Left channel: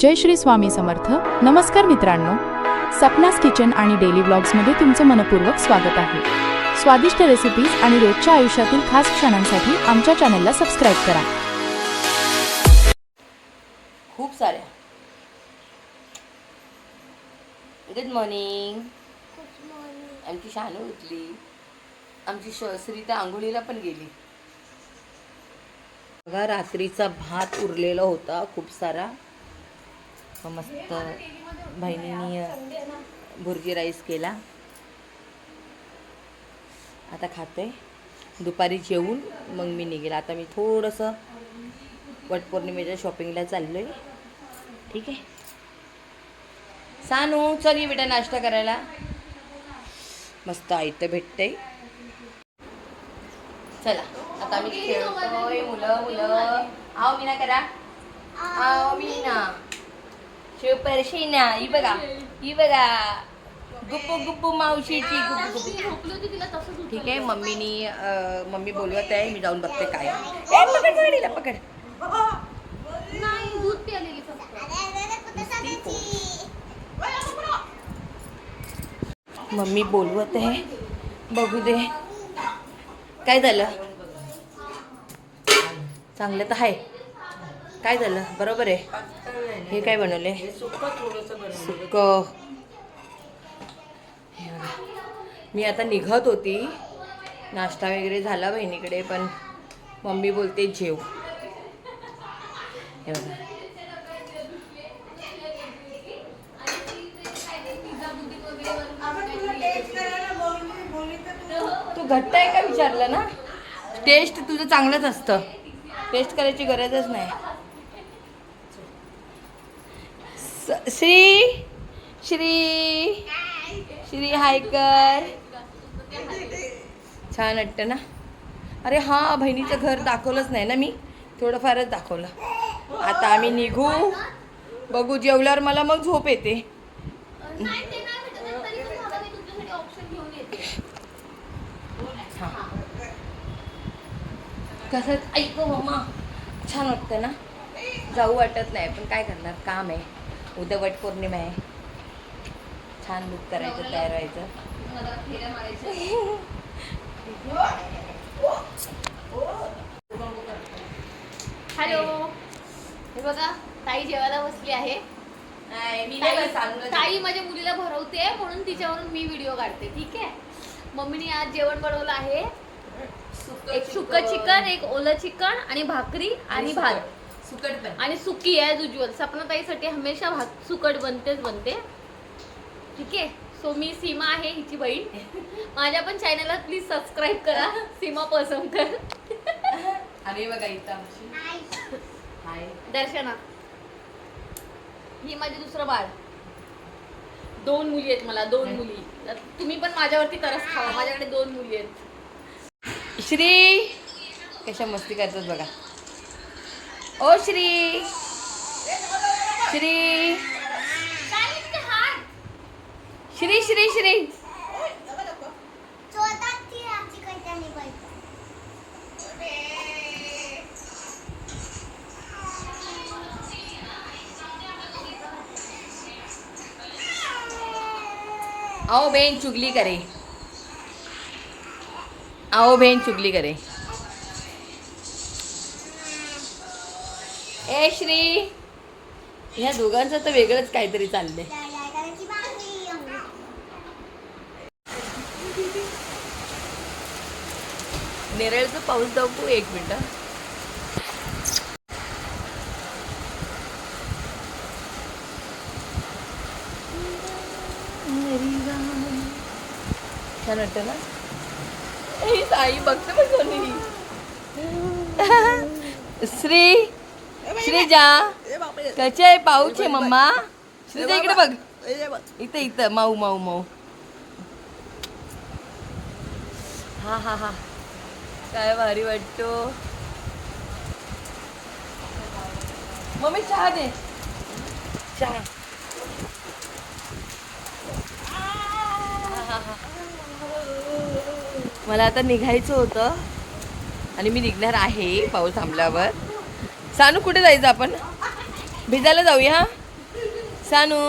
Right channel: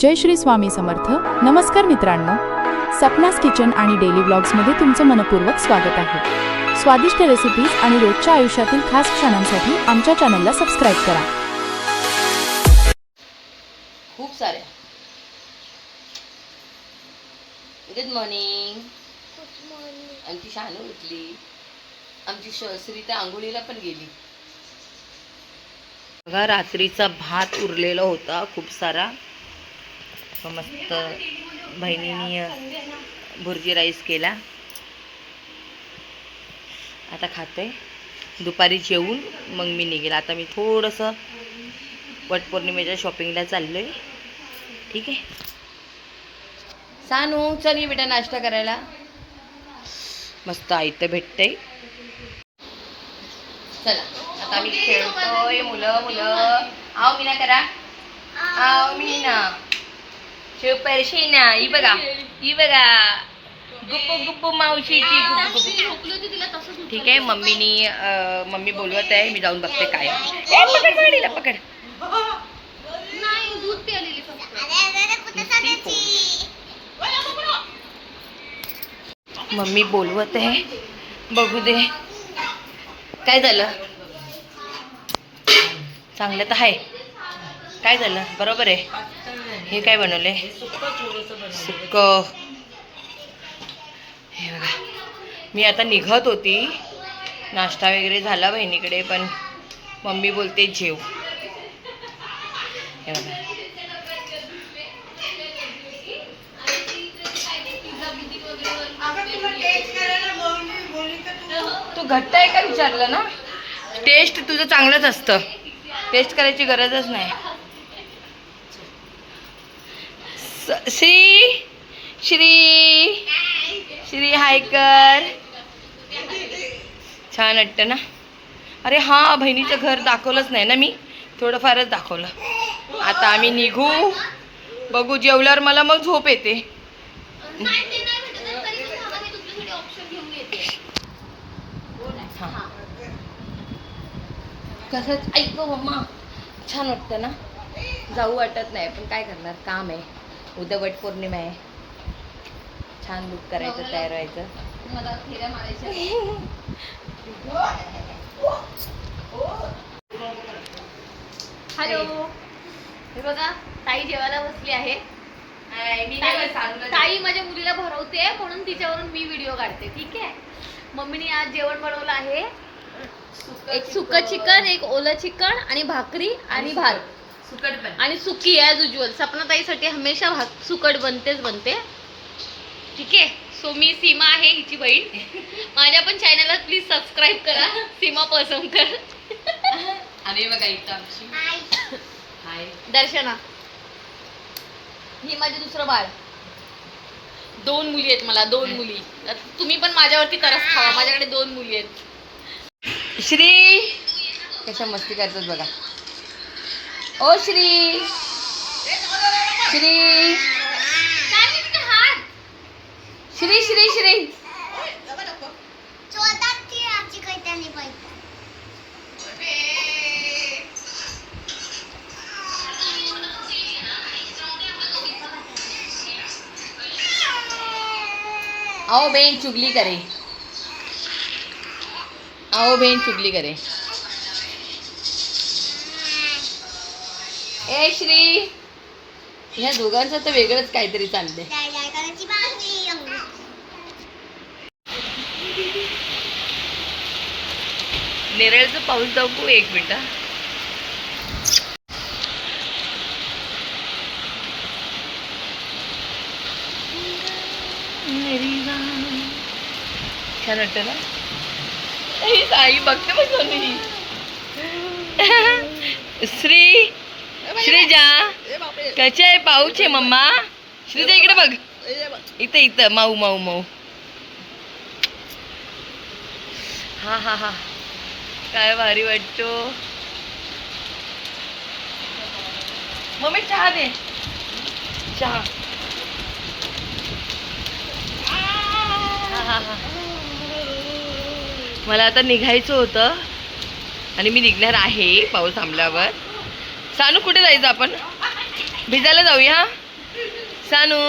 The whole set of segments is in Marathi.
जय श्री स्वामी समर्थ. नमस्कार मित्रांनो, सपनास किचन आणि डेली व्लॉग्समध्ये तुमचं मनपूर्वक स्वागत आहे. स्वादिष्ट रेसिपीज आणि रोजच्या आयुष्यातील खास क्षणांसाठी आमच्या चॅनलला सबस्क्राईब करा. खूप साऱ्या. Good morning. आमची शानू उठली. आमची श्री तर आंघोळीला पण गेली. बघा, रात्रीचा भात उरलेला होता खूप सारा. मस्त बहिणीने भुर्जी राईस केला. आता खाते. दुपारी जेवून मग मी निघेल. आता मी थोडंसं वटपौर्णिमेच्या शॉपिंगला चाललोय. ठीक आहे सानू, चल ये बेटा नाश्ता करायला. मस्त आयतं भेटतंय. चला आता आम्ही खेळतोय. मुलं आव मीना करा. आव मीना शिव परशीना. ही बघा गुप्पू गुप्पू मावशीची गुप्पू गुप्पू. ठीक आहे. मम्मी बोलवत आहे. मी जाऊन बघते काय. पकड गाडीला पकड. मम्मी बोलवत आहे. बघू दे काय झालं. चांगलं तर आहे. काय झालं. बरोबर आहे. हे काय बनवले. सुक्क. हे बघा, मी आता निघत होती. नाश्ता वगैरे झाला बहिणीकडे, पण मम्मी बोलते जेव. हे बघा, तू घट्ट आहे का विचारलं ना. टेस्ट तुझं चांगलंच असतं. टेस्ट करायची गरजच नाही. श्री श्री श्री हाय कर. छान वाटतं ना. अरे हां, बहिणीचं घर दाखवलंच नाही ना मी. थोडंफारच दाखवलं. आता आम्ही निघू. बघू जेवल्यावर मला मग झोप येते. हां कसं ऐक मम्मा. छान वाटतं ना. जाऊ वाटत नाही, पण काय करणार, काम आहे. उद्या वटपौर्णिमा आहे. छान लुक करायचं, तयार व्हायचं. हॅलो. हे बघा, ताई जेवायला बसली आहे. ताई माझ्या मुलीला भरवते, म्हणून तिच्यावरून मी व्हिडिओ काढते. ठीक आहे. मम्मीने आज जेवण बनवलं आहे. एक सुकं चिकन, एक ओलं चिकन आणि भाकरी आणि भात. सुकट पण आणि सुकी ॲज युजुअल. सपनाताईसाठी हमेशा सुकट बनते. ठीक आहे. सो मी सीमा आहे, हिची बहीण. माझ्या पण चॅनलला प्लीज सबस्क्राईब करा. सीमा पसंकर. आणि बघा इथं आमची हाय दर्शना. ही माझी दुसरं बाळ. 2 मुली आहेत मला. 2 मुली. तुम्ही पण माझ्यावरती तरस खावा. माझ्याकडे 2 मुली आहेत. श्री कशा मस्ती करतात बघा. ओ श्री श्री श्री श्री श्री आओ बहन चुगली करे. आओ बहन चुगली करे. ए श्री, ह्या दोघांचं तर वेगळंच काहीतरी चाललंय. नेरळचं पाऊस दाखवू. 1 मिनिट. छान वाटतं ना. आई बघते बघ मी. श्री श्री जा. कसे आहे. पाऊस आहे मम्मा. श्रीजा इकडे बघ. इथं माऊ माऊ माऊ. हा हा हा, काय भारी वाटतो. मम्मी चहा दे. चहा. हा हा. मला आता निघायचं होतं आणि मी निघणार आहे पाऊस थांबल्यावर. सानू कुठे जायचं आपण? भिजायला जाऊया. सानू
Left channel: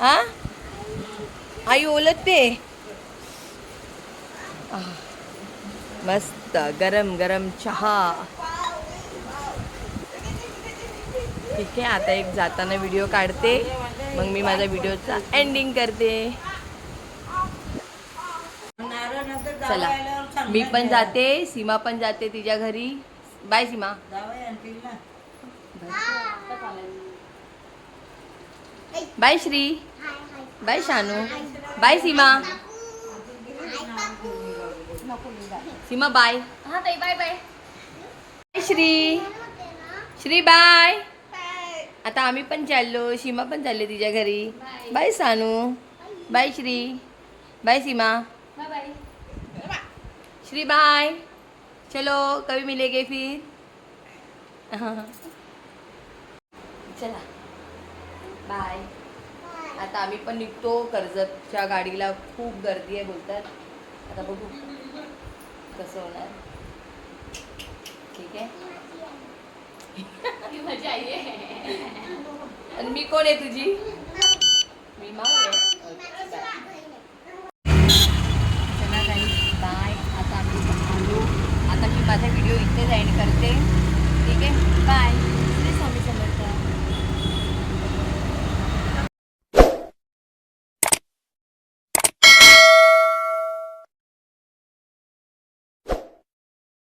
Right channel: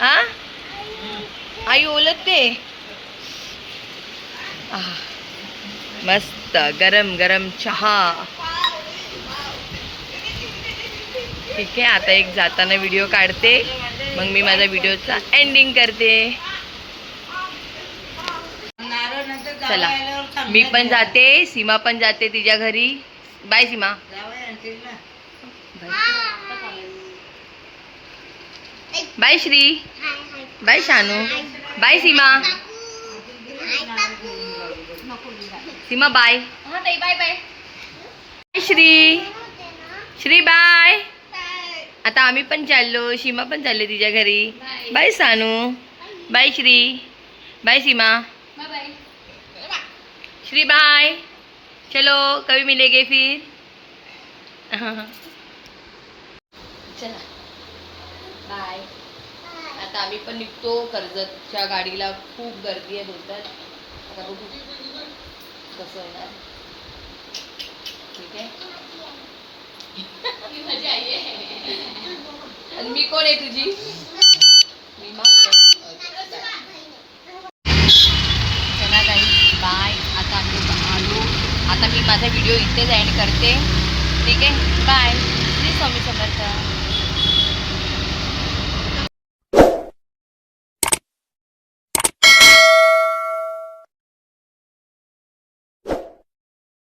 हा आई ओलते मस्त गरम गरम चहा. ठीक आहे, आता एक जाताना व्हिडिओ काढते, मग मी माझा व्हिडिओचा एंडिंग करते. चला मी पण जाते, सीमा पण जाते तिच्या घरी. Bye Seema. Bye Shri. Bye Shanu. Bye Seema. Seema bye. हा ताई bye bye. Bye Shri. Shri bye. आता आम्ही पण चाललो, सीमा पण चालले तिच्या घरी. Bye Sanu. Bye Shri. Bye Seema. Bye bye. Shri bye. चलो कभी मिलेंगे फिर. चला बाय. आता आम्ही पण निघतो. कर्जतच्या गाडीला खूप गर्दी आहे बोलतात. आता बघू कसं होणार. ठीक आहे. माझी आई आहे. आणि मी कोण आहे तुझी. मी माऊ आहे. चला काही बाय. आता आम्ही आलो. आता मी माझा व्हिडिओ इथेच एंड करते. ठीक आहे बाय. श्री स्वामी समर्थ.